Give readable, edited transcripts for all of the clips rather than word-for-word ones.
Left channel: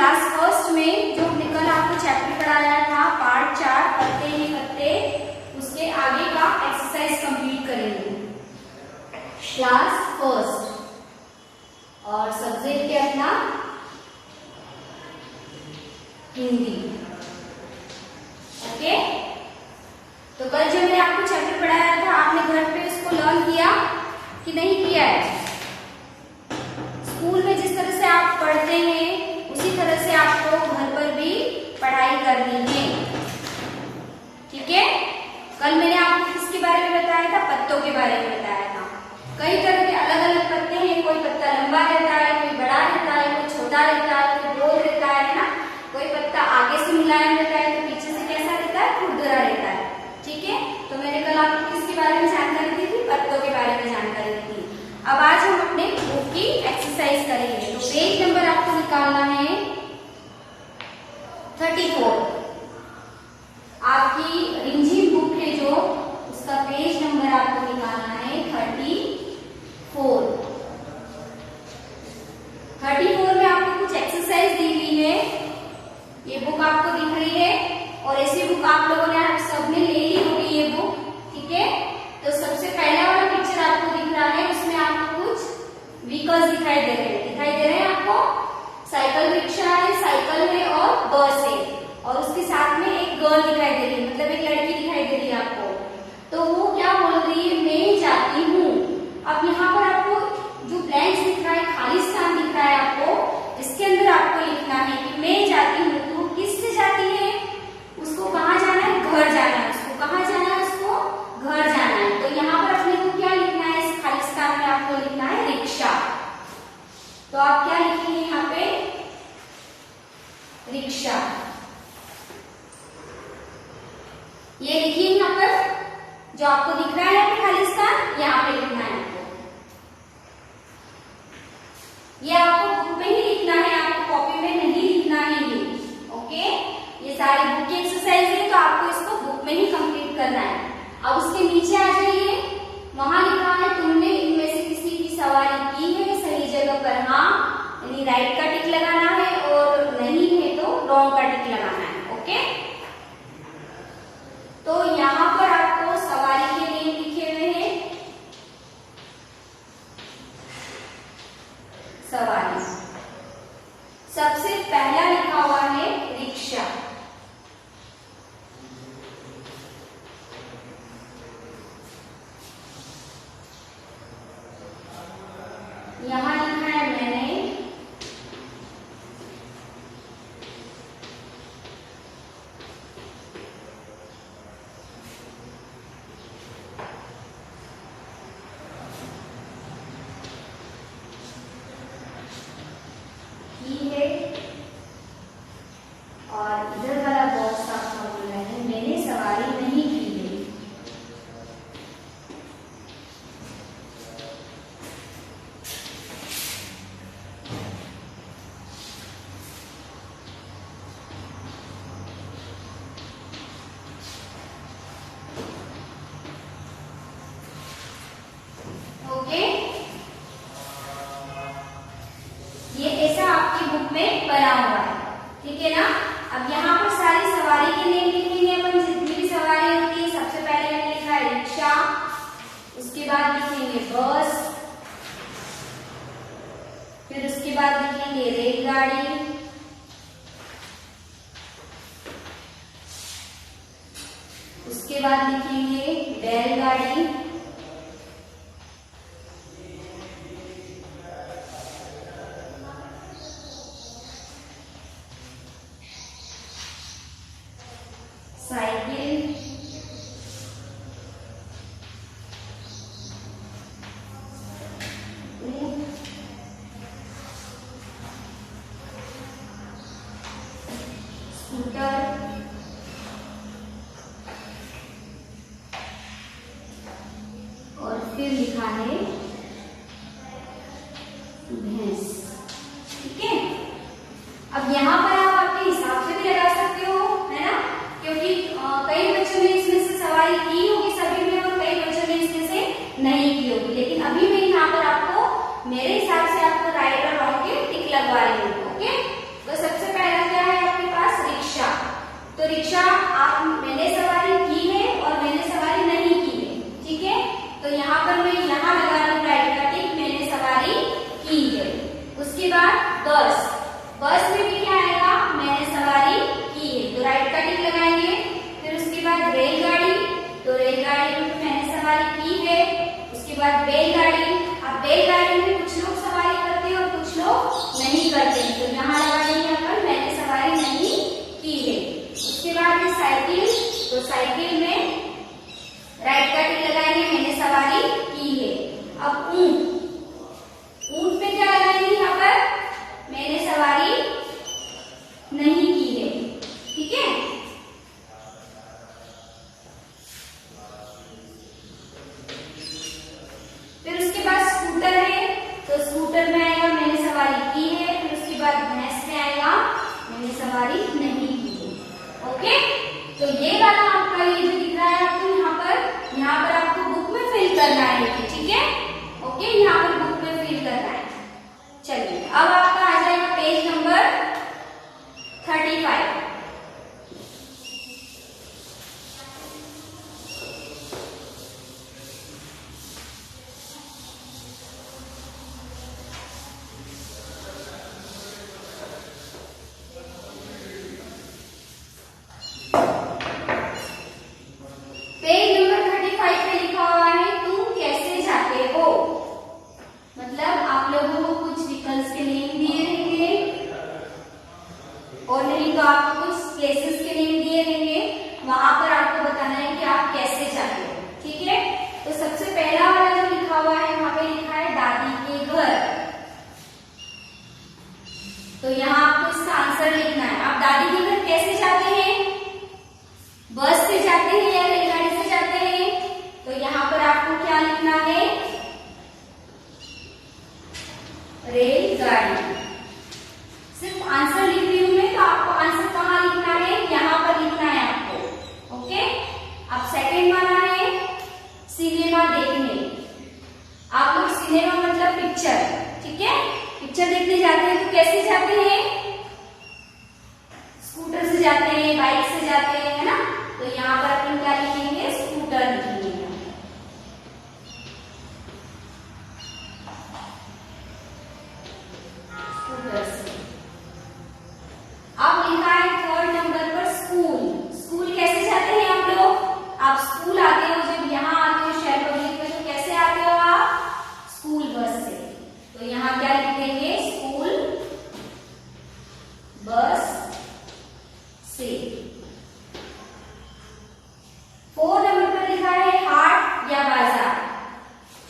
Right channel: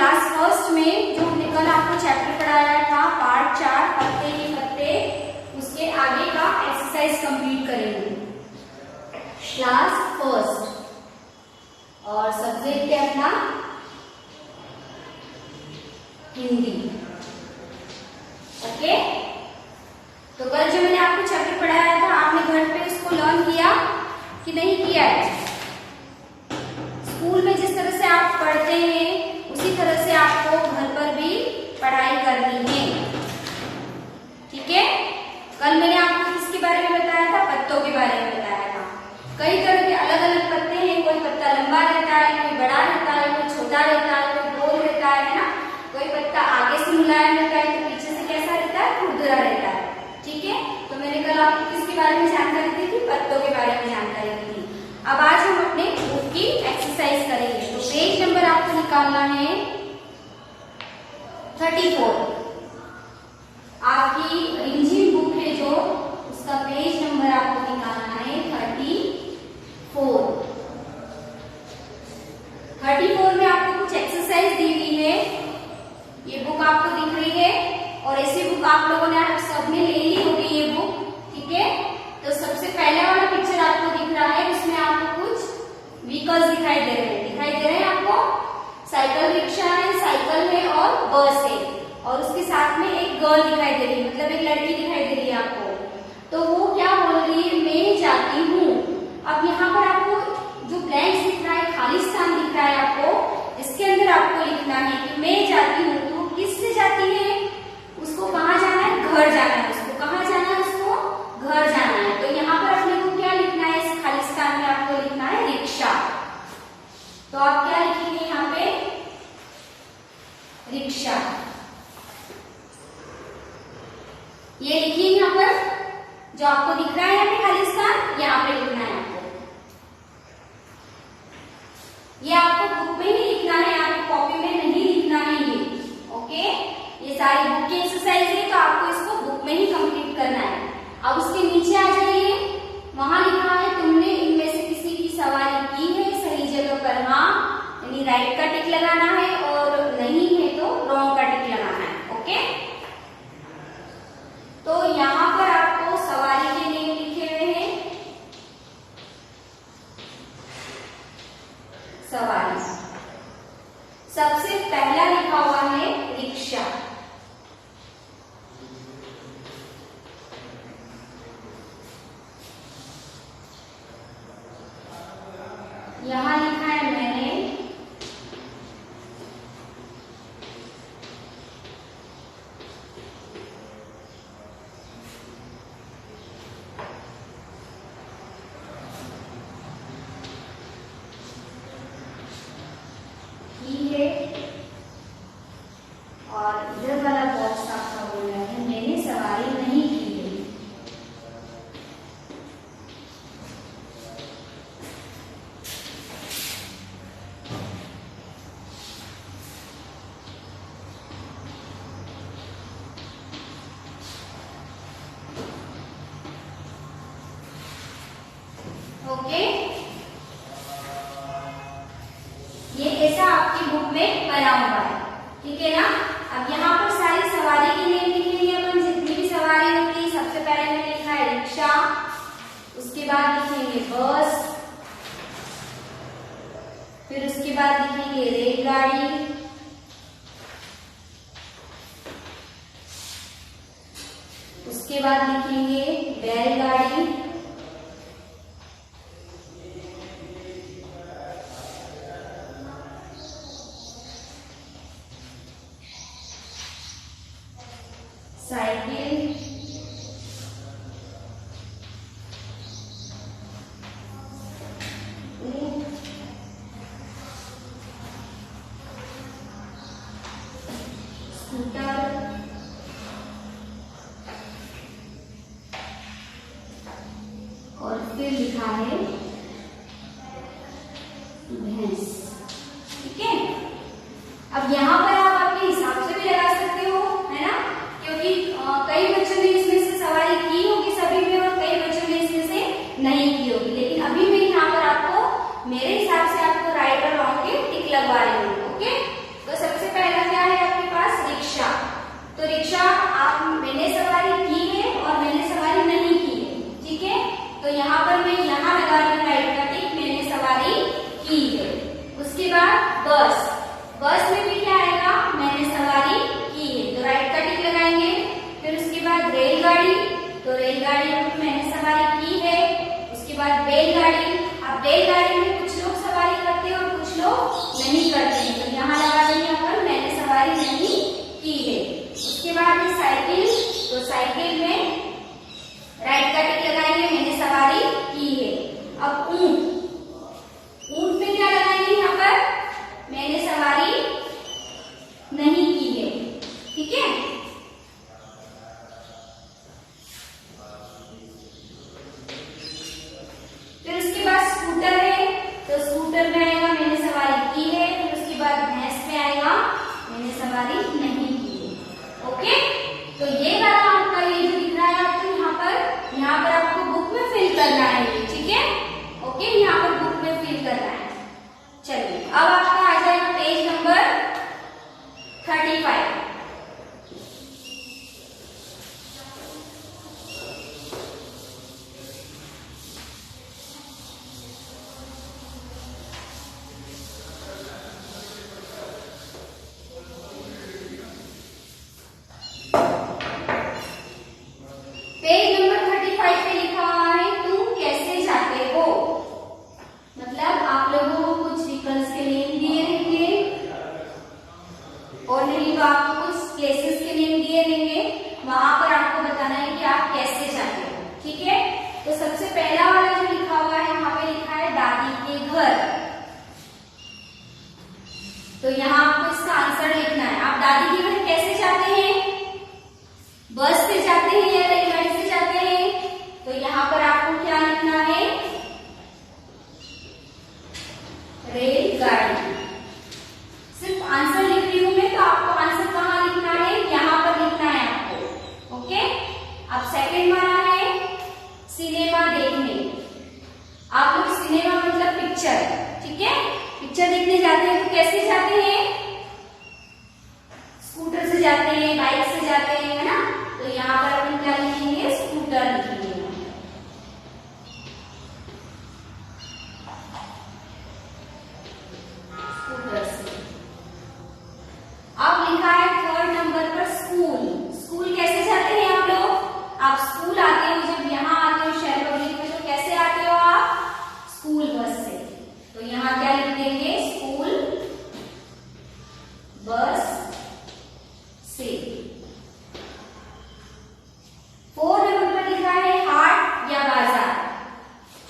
Class first में जो हमने कल आपको चैप्टर पढ़ाया था पार्ट 4 पत्ते ही पत्ते, उसके आगे का एक्सरसाइज कंप्लीट करेंगे। क्लास फर्स्ट और सब्जेक्ट है अपना हिंदी। ओके, तो कल जो मैंने आपको चैप्टर पढ़ाया था आपने घर पे उसको लर्न किया कि नहीं किया है? स्कूल में जिस तरह से आप पढ़ते हैं उसी तरह से आपको घर पर भी पढ़ाई करनी है। ठीक है, कल मैंने आपको किसके बारे में बताया था? पत्तों के बारे में बताया था। कई तरह के अलग अलग पत्ते हैं, कोई पत्ता लंबा रहता है, कोई बड़ा रहता है, कोई छोटा रहता है, कोई गोल रहता है ना। कोई पत्ता आगे से मुलायम रहता है तो पीछे से कैसा रहता है? खुरदरा रहता है। ठीक है, तो मैंने कल आपको किसके बारे में जानकारी दी थी? पत्तों के बारे में जानकारी दी थी। अब आज हम अपने बुक की एक्सरसाइज करेंगे। तो पेज नंबर आपको निकालना है 34। आपकी रिमझिम बुक है जो, उसका पेज नंबर आपको निकालना है 34। 34 में आपको कुछ एक्सरसाइज दी हुई है। ये बुक आपको दिख रही है और ऐसी बुक आप लोगों ने सबने ले ली होगी ये बुक। ठीक है, तो सबसे पहला वाला पिक्चर आपको दिख रहा है, उसमें आपको कुछ व्हीकल्स दिखाई दे रहे हैं। दिखाई दे रहे हैं आपको? साइकिल रिक्शा है, साइकिल है और बस है, और उसके साथ में एक गर्ल दिखाई दे रही है, मतलब एक लड़की दिखाई दे रही है आपको। तो वो क्या बोल रही है? मैं जाती हूँ। अब यहाँ पर आपको जो ब्लैंक्स दिख रहा है, खाली स्थान दिख रहा है आपको, इसके अंदर आपको लिखना है कि मैं जाती हूँ। तो किस से जाती है? उसको कहाँ जाना है? घर जाना है। उसको कहाँ जाना है? उसको घर जाना है। तो यहाँ पर अपने को क्या लिखना है? इस खाली स्थान में आपको लिखना है रिक्शा। तो आप क्या लिखेंगे यहाँ पे? रिक्शा। ये लिखिए यहाँ पर जो आपको दिख रहा है यहाँ पे खाली स्थान, यहाँ पे लिखना है आपको। ये आपको बुक में ही लिखना है, आपको कॉपी में नहीं लिखना है ये। ओके, ये सारी बुक की एक्सरसाइज है तो आपको इसको बुक में ही कंप्लीट करना है। अब उसके नीचे आ जाइए, वहां लिखा है तुमने इनमें से किसी की सवारी की है, सही जगह पर हाँ यानी राइट का टिक लगाना है, और नहीं है तो रॉन्ग का टिक लगाना है। ओके, तो यहाँ पर आपको सवारी के नेम लिखे हुए हैं। सवारी सबसे पहला लिखा हुआ है रिक्शा। यहाँ लिखा है मैंने। की है, और इधर वाला बॉक्स आपका बोल रहा है मैंने सवारी नहीं की है। ओके, ये ऐसा आपकी बुक में बना हुआ है। ठीक है ना। अब यहाँ पर सारी सवारी के नेम लिखेंगे अपन, जितनी भी सवारी होती है। सबसे पहले मैंने लिखा है रिक्शा, उसके बाद लिखेंगे बस, फिर उसके बाद लिखेंगे रेलगाड़ी, उसके बाद लिखेंगे बैलगाड़ी, साइकिल, ऊंट, स्कूटर, और फिर लिखा है भैंस। ठीक है, अब यहाँ पर आप आपके हिसाब से भी लगा सकते हो, है ना, क्योंकि कई बच्चों ने इसमें से सवारी की होगी सभी में, और कई बच्चों ने इसमें से नहीं की होगी। लेकिन अभी मैं यहाँ पर आपको मेरे हिसाब से आपको राइट और रॉन्ग के टिक लगवा रही हूँ। ओके, तो सबसे रेलगाड़ी में मैंने सवारी की है। उसके बाद बैलगाड़ी, अब बैलगाड़ी में कुछ लोग सवारी करते हैं और कुछ लोग नहीं करते हैं, तो यहाँ लगा देंगे अपन मैंने सवारी नहीं की है। उसके बाद साइकिल, तो साइकिल में राइट का टिक लगाएंगे मैंने सवारी की है। अब ऊंट, ऊंट में क्या लगाएंगे यहाँ पर मैंने सवारी नहीं की है। ठीक है, फिर उसके बाद स्कूटर है, तो स्कूटर में आएगा मैंने सवारी की है। फिर उसके बाद भैंस में आएगा मैंने सवारी नहीं की है। ओके, तो ये वाला आपका ये जो दिख रहा है आपको यहाँ पर आपको बुक में फिल करना है। ठीक है, ओके, यहाँ पर बुक में फिल करना है। चलिए, अब आपका आ जाएगा पेज नंबर 35। पेज नंबर 35 पे लिखा हुआ है तुम कैसे जाते हो। मतलब आप लोगों को कुछ व्हीकल्स के नेम दिए रहेंगे और नहीं तो आपको कुछ प्लेसेस के नेम दिए रहेंगे, वहां पर आपको बताना है कि आप कैसे जाते हो। ठीक है, तो सबसे पहला वाला जो लिखा हुआ है यहाँ पे लिखा है दादी के घर, तो यहाँ आपको इसका आंसर लिखना है। आप दादी के घर कैसे जाते हैं, बस से जाते हैं या रेलगाड़ी से जाते हैं, तो यहाँ पर आपको क्या लिखना है रेलगाड़ी। सिर्फ आंसर लिख रही हूं मैं, तो आपको आंसर कहाँ लिखना है, यहाँ पर लिखना है आपको। ओके, अब सेकंड वाला है सिनेमा देखने। आप लोग सिनेमा मतलब पिक्चर, ठीक है, पिक्चर देखने जाते हैं तो कैसे जाते हैं, स्कूटर से जाते हैं, बाइक से जाते हैं, है ना। तो यहाँ पर अपन क्या लिखेंगे, स्कूटर लिखेंगे। स्कूटर से। अब लिखा है थर्ड नंबर पर स्कूल। स्कूल कैसे जाते हैं आप लोग, आप स्कूल आते हो, जब यहाँ आते हो शहर पब्लिक में तो कैसे आते हो आप, स्कूल बस से। तो यहाँ क्या लिख देंगे, स्कूल बस से। 4 नंबर पर लिखा है हाट या बाजार।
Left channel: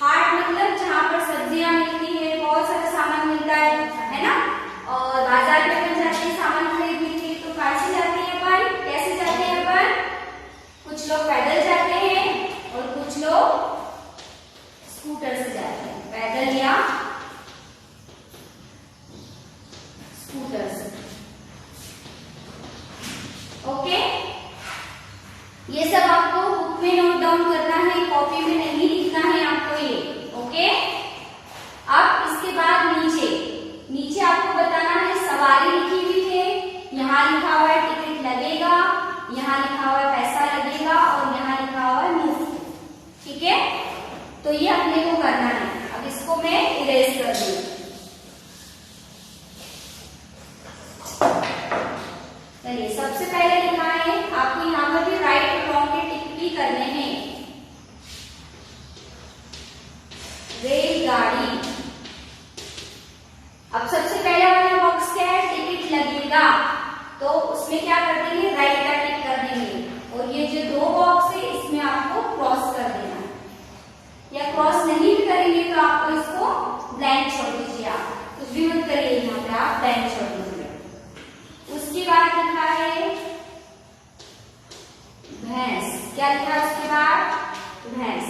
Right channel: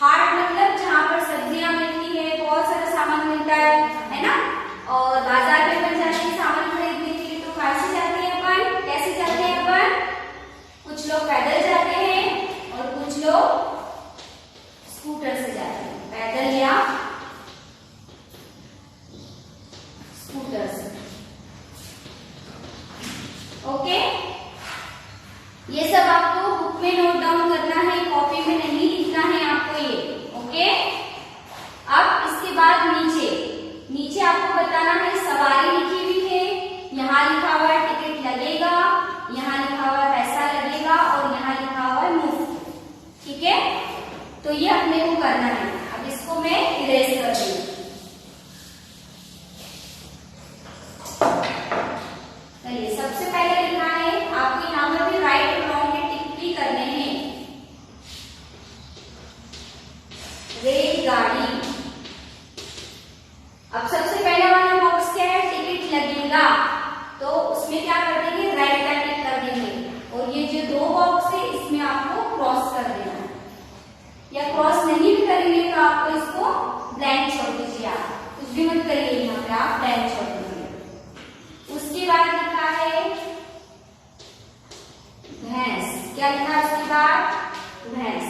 हाट मतलब जहाँ पर सब्जियां मिलती है, बहुत सारा सामान मिलता है ना। और बाजार में अपन जाते हैं सामान खरीदने के लिए, तो कैसे जाते हैं अपन, कैसे जाते हैं अपन, कुछ लोग पैदल जाते हैं और कुछ लोग स्कूटर से जाते हैं, पैदल या स्कूटर से। ओके, ये सब आपको बुक में नोट डाउन करना है, कॉपी में नहीं लिखना है आपको ये। ओके, अब इसके बाद नीचे आपको बताना है सवारी लिखी हुई है, यहाँ लिखा हुआ है टिकट लगेगा, यहाँ लिखा हुआ है पैसा लगेगा और यहाँ लिखा हुआ है मुफ्त। ठीक है, तो ये अपने को करना है। अब इसको मैं इरेज कर दूँ। चलिए, सबसे पहले लिखा है आपको यहाँ पर भी राइट और रॉन्ग के टिक भी करने हैं। रेलगाड़ी। अब सबसे पहला वाला बॉक्स क्या है, टिकट लगेगा, तो उसमें क्या कर देंगे, राइट का टिक कर देंगे। और ये जो 2 बॉक्स है इसमें आपको क्रॉस कर देना है, या क्रॉस नहीं भी करेंगे तो आपको इसको ब्लैंक छोड़ दीजिए, आप कुछ भी मत करिए, यहाँ पे आप ब्लैंक छोड़ दीजिए। उसके बाद लिखा है भैंस। क्या लिखा है उसके बाद, भैंस।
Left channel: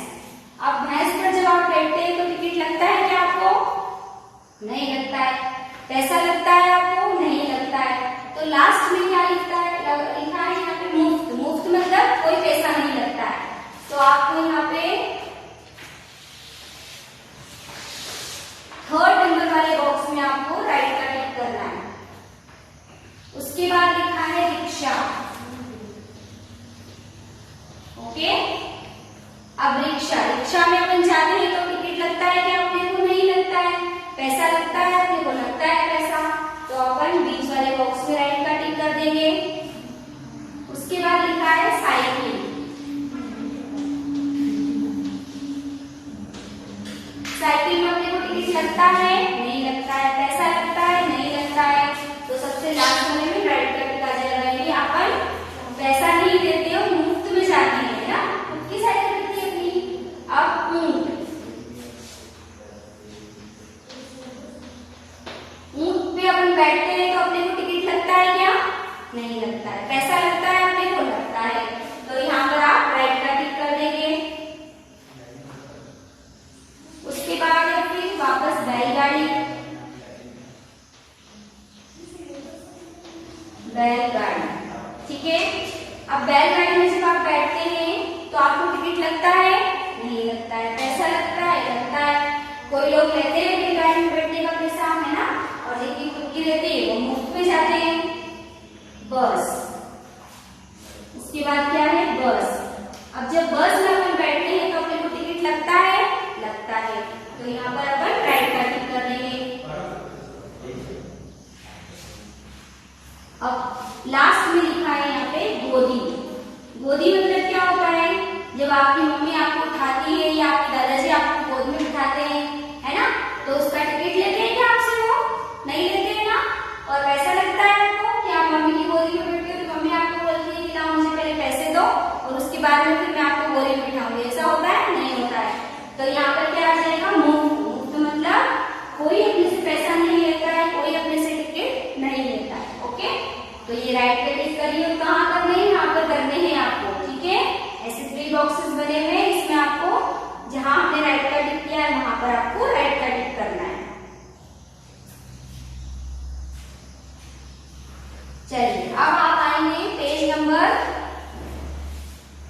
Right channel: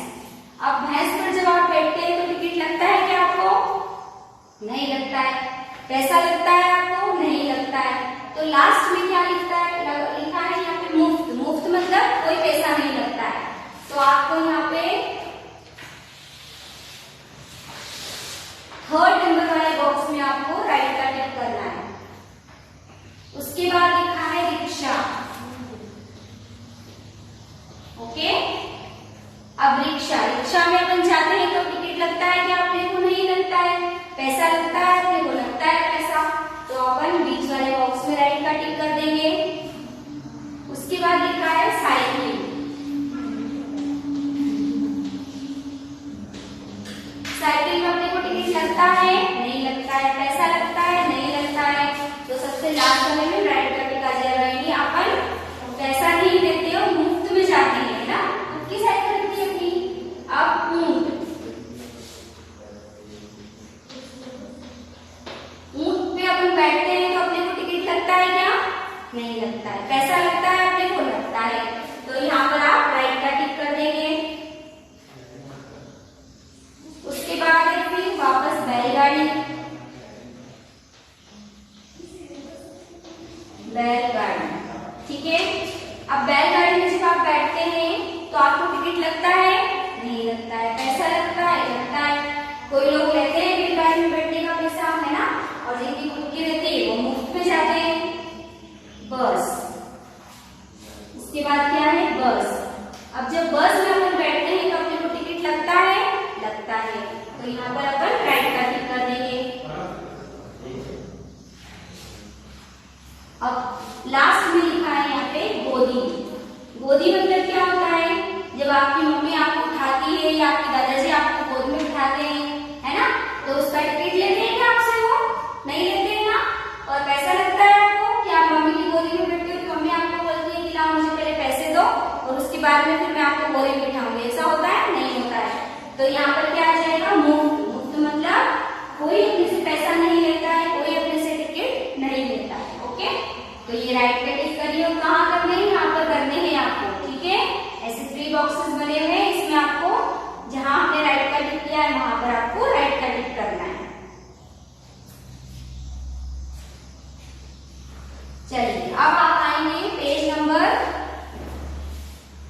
अब भैंस पर जब आप बैठते हैं तो टिकट लगता है क्या आपको, नहीं लगता है। पैसा लगता है आपको, नहीं लगता है। तो लास्ट में क्या लिखता है, लिखा है यहाँ पे मुफ्त। मुफ्त मतलब कोई पैसा नहीं लगता है। तो आपको यहाँ पे थर्ड नंबर वाले बॉक्स में आपको राइट का टिक करना है। उसके बाद लिखा है रिक्शा। ओके, अब रिक्शा में अपन जाते हैं तो टिकट लगता है कि अपने को नहीं लगता है, पैसा लगता है, अपने को लगता है पैसा। तो अपन बीच वाले बॉक्स में राइट का टिक कर देंगे। उसके बाद लिखा है साइकिल। लगता है, नहीं लगता है, पैसा लगता है, नहीं लगता है। तो सबसे लास्ट वाले में राइट का टिक आ जाएगा। ये अपन पैसा नहीं देते हो, मुफ्त में जाते हैं ना, किसकी साइकिल रहती है अपनी। अब ऊंट, ऊंट पे अपन बैठते हैं तो अपने को टिकट लगता है क्या, नहीं लगता है। पैसा लगता है, अपने को लगता है। तो यहाँ पर आप राइट का टिक कर देंगे। उसके बाद फिर वापस बैलगाड़ी, बैलगाड़ी, ठीक है। अब बैलगाड़ी में जब आप बैठते हैं तो आपको टिकट लगता है, नहीं लगता है। पैसा लगता है, लगता है। कोई लोग लेते हैं बैलगाड़ी में बैठने का पैसा, है ना, और जिनकी खुद की रहती है वो मुफ्त में जाते हैं। बस, उसके बाद क्या है, बस। अब जब बस में अपन बैठते हैं तो अपने को टिकट लगता है, लगता है। तो यहाँ पर अपन राइट का टिक कर देंगे। अब लास्ट में लिखा है यहाँ पे गोदी। गोदी मतलब क्या होता है, जब आपकी मम्मी आपको उठाती है या आपके दादाजी आपको गोद में उठाते हैं, है ना, तो उसका टिकट लेते हैं क्या आपसे, वो नहीं लेते हैं ना। और पैसा लगता है आपको कि आप मम्मी की गोदी में बैठते हो तो मम्मी आपको बोलती है कि लाओ मुझे पहले पैसे दो और उसके बाद में फिर मैं आपको गोदी में बिठाऊंगी। ऐसा होता है, नहीं होता है। तो यहाँ पर क्या आ जाएगा, मुफ्त। मुफ्त मतलब कोई अपने से पैसा नहीं लेता है, कोई अपने से टिकट नहीं लेता है। ओके, तो ये राइट पे टिक करिए। कहाँ करने हैं, यहाँ पर करने हैं आपको, ठीक है। ऐसे 3 बॉक्सेस बने हुए हैं, इसमें आपको जहां आपने राइट का टिक किया है वहां पर आपको राइट का टिक करना है। चलिए अब आप आएंगे पेज नंबर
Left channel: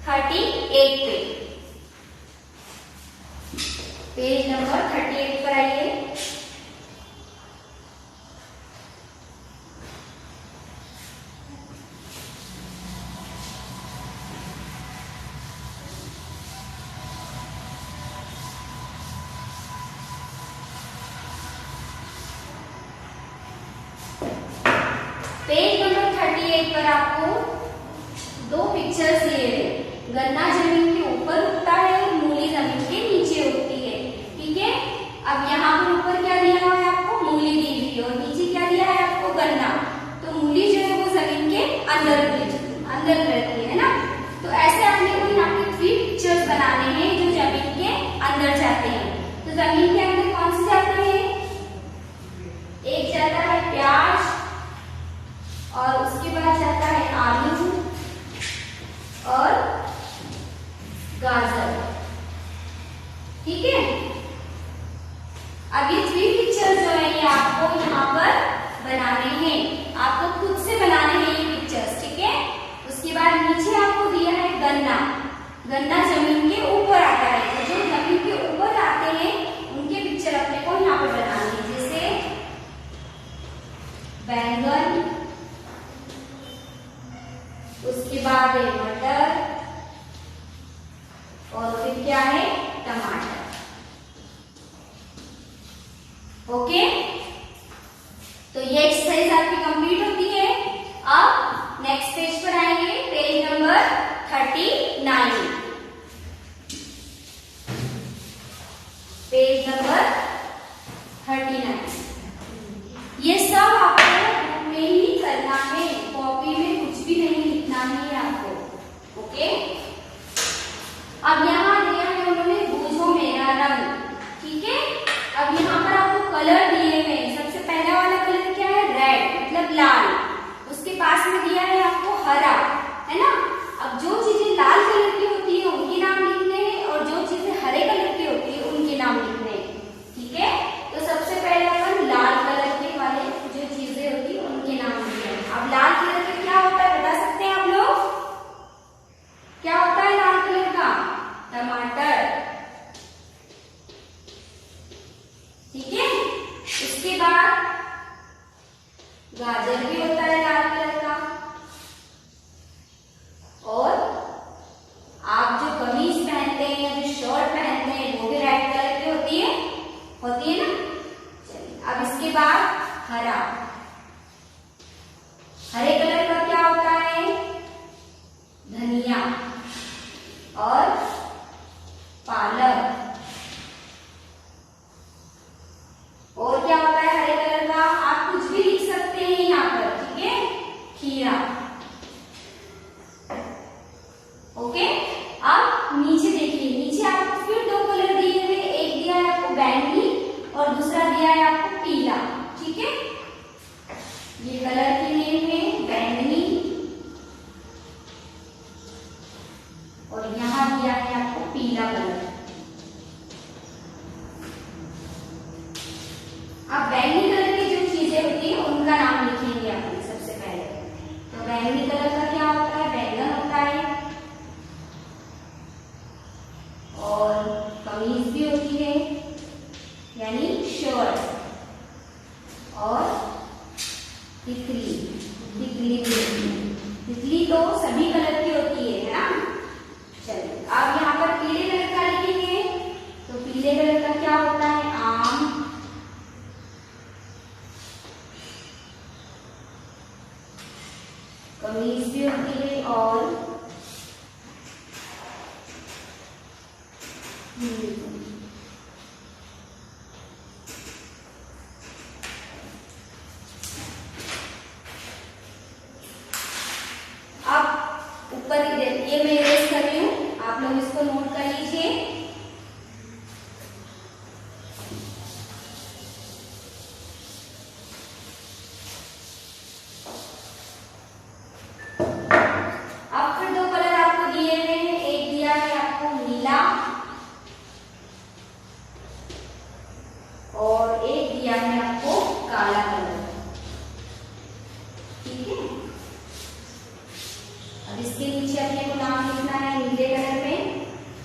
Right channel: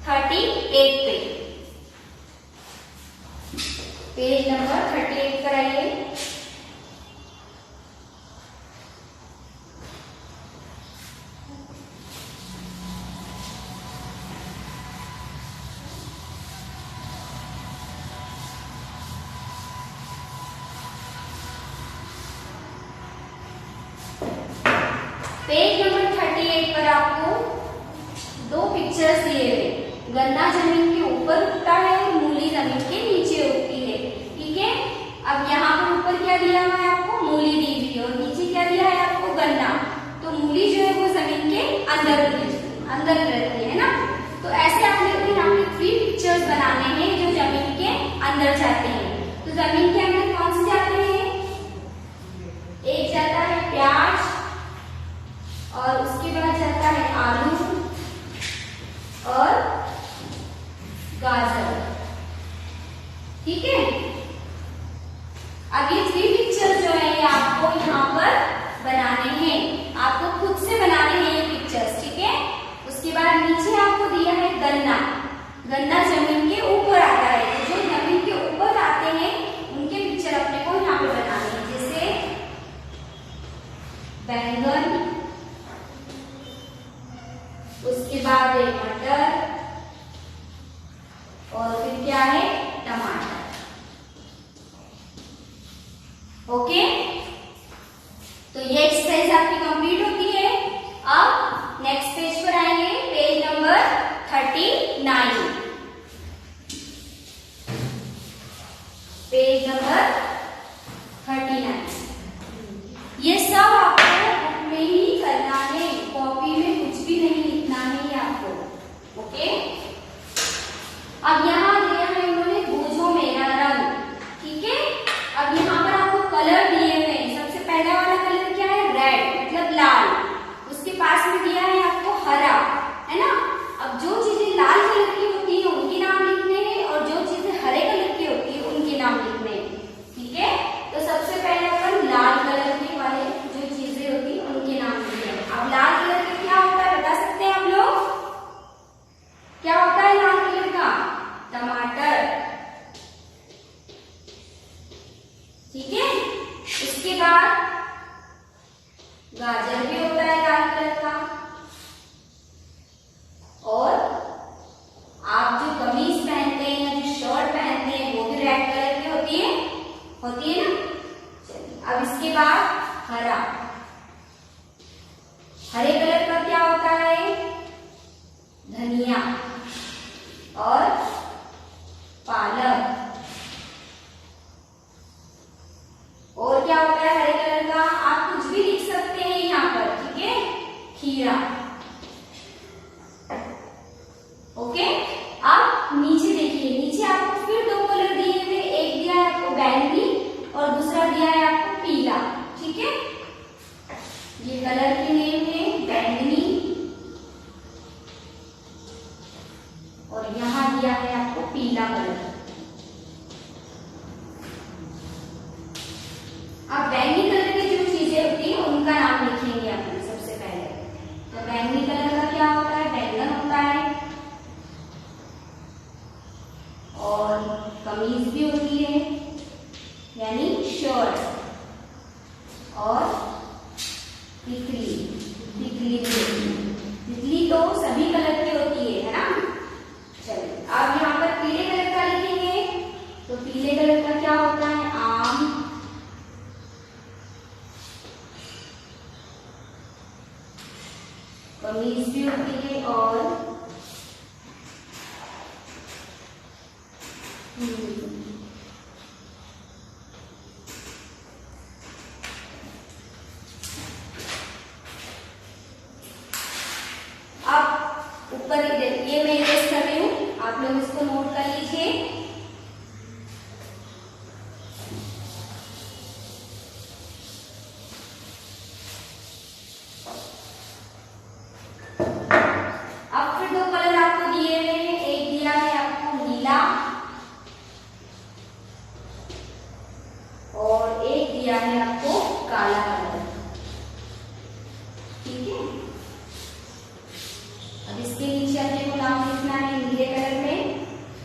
38 पे। पेज नंबर 38 पर आइए। पेज नंबर 38 पर आपको 2 पिक्चर्स दिए हैं। गन्ना जमीन के ऊपर उगता है और मूली जमीन के नीचे उगती है, ठीक है। अब यहाँ पर ऊपर क्या दिया हुआ है आपको, मूली दी हुई है, और नीचे क्या दिया है आपको, गन्ना। तो मूली जो है वो जमीन के अंदर रहती है ना। तो ऐसे आपने को यहाँ पे 3 पिक्चर्स बनाने हैं जो जमीन के अंदर जाते हैं। तो जमीन के अंदर कौन से जाते हैं, एक जाता है प्याज, और उसके बाद जाता है आलू और गाजर, ठीक है। अब ये 3 पिक्चर जो है ये आपको यहाँ पर बनाने हैं, आपको खुद से बनाने हैं ये पिक्चर्स, ठीक है। उसके बाद नीचे आपको दिया है गन्ना। गन्ना जमीन के ऊपर आता है, तो जो जमीन के ऊपर आते हैं उनके पिक्चर अपने को यहाँ पे बनाने हैं, जैसे बैंगन, उसके बाद है मटर, और फिर क्या है, टमाटर। ओके, तो ये एक्सरसाइज आपकी कंप्लीट होती है। अब नेक्स्ट पेज पर आएंगे, पेज नंबर 39। Page number 39। ये सब आपको बुक में ही करना है, कॉपी में कुछ भी नहीं लिखना है आपको। ओके, अब यहाँ दिया है उन्होंने भुजों मेरा रंग, ठीक है। अब यहाँ पर आपको कलर दिए हैं। सबसे पहला वाला कलर क्या है, रेड मतलब लाल। उसके पास में दिया है आपको हरा, है ना। अब जो चीजें लाल कलर की होती है उनके नाम लिखने हैं, और जो चीजें हरे कलर की होती है उनके नाम लिखने हैं, ठीक है। तो सबसे पहले अपन लाल कलर के वाले जो चीजें होती है उनके नाम लिखने हैं। अब लाल कलर का क्या होता है बता सकते हैं आप लोग, क्या होता है लाल कलर का, टमाटर, ठीक है। इसके बाद गाजर भी होता है लाल कलर का, और आप जो कमीज पहनते हैं या जो शर्ट पहनते हैं वो भी रेड कलर की होती है ना। चलिए, अब इसके बाद हरा, हरे कलर का क्या होता है, धनिया और पालक, खीरा। ओके, अब नीचे देखिए, नीचे आपको फिर 2 कलर दिए हुए, एक दिया है आपको बैंगनी और दूसरा दिया है आपको पीला। ठीक है, ये कलर के नेम है बैंगनी और यहाँ दिया है आपको पीला कलर। अब बैंगनी कलर की जो चीजें होती है उनका नाम लिखेंगे आपने सबसे पहले। तो बैंगनी कलर का क्या होता है, बैंगन होता है, और कमीज भी होती है यानी शर्ट, और तितली, तितली तो सभी कलर की होती है ना। चलिए अब यहाँ पर पीले कलर का लिखेंगे। तो पीले कलर का क्या होता है, आम, कमीज भी होती है, और अब ऊपर ये मैं इरेज कर रही हूँ, आप लोग इसको नोट कर लीजिए। अब फिर 2 कलर आपको दिए हुए हैं, एक दिया है आपको नीला और एक दिया है आपको काला कलर। ठीक है, अब इसके नीचे अपने को नाम लिखना है। नीले कलर में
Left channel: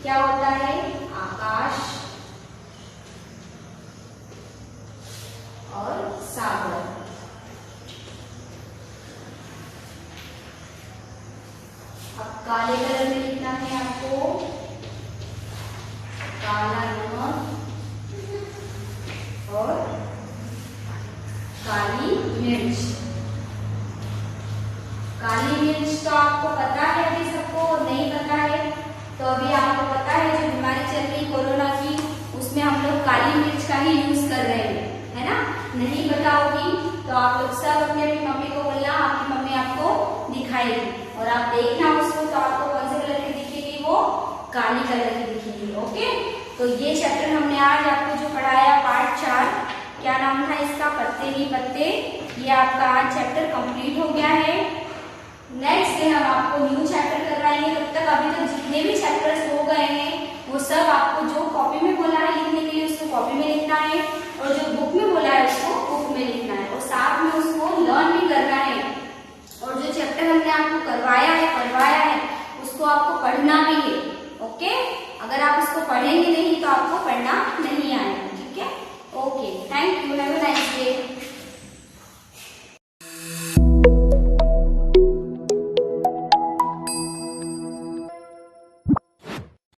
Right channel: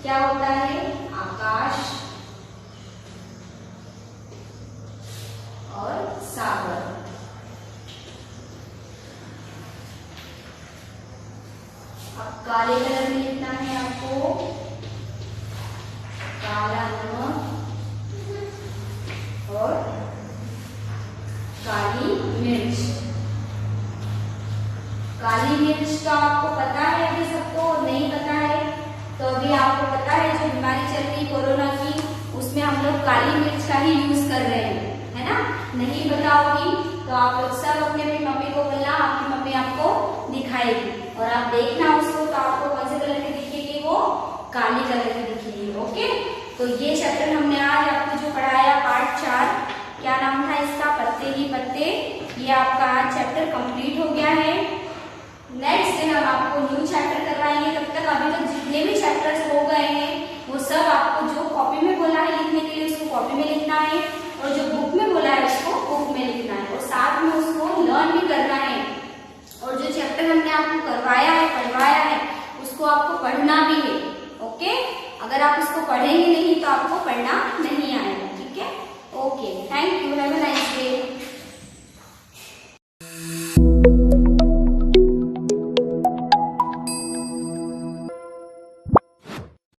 क्या होता है, आकाश और सागर। अब काले कलर में लिखना है आपको काला नमक और काली मिर्च। काली मिर्च तो आपको पता है, अभी सबको नहीं पता है तो अभी आपको पता है, जो बीमारी चल रही कोरोना की उसमें हम लोग काली मिर्च का ही यूज कर रहे हैं, है ना। नहीं पता होगी तो आप लोग सब अपनी अपनी मम्मी को बोलना, आपकी मम्मी आपको दिखाएगी और आप देखना उसको, तो आपको कौन से कलर की दिखेगी, वो काली कलर की दिखेगी। ओके, तो ये चैप्टर हमने आज आपको जो पढ़ाया पार्ट 4, क्या नाम था इसका, पत्ते ही पत्ते, ये आपका आज चैप्टर कंप्लीट हो गया है। नेक्स्ट डे हम आपको न्यू चैप्टर करवाएंगे। तब तक अभी तक जितने भी चैप्टर्स हो गए हैं वो सब आपको जो कॉपी में बोला है लिखने के लिए उसको कॉपी में लिखना है, और जो बुक में बोला है उसको बुक में लिखना है, और साथ में उसको लर्न भी करना है। और जो चैप्टर हमने आपको करवाया है, पढ़वाया है, उसको आपको पढ़ना भी है। ओके, अगर आप इसको पढ़ेंगे नहीं तो आपको पढ़ना नहीं आएगा। ठीक है, okay, thank you, have a nice day.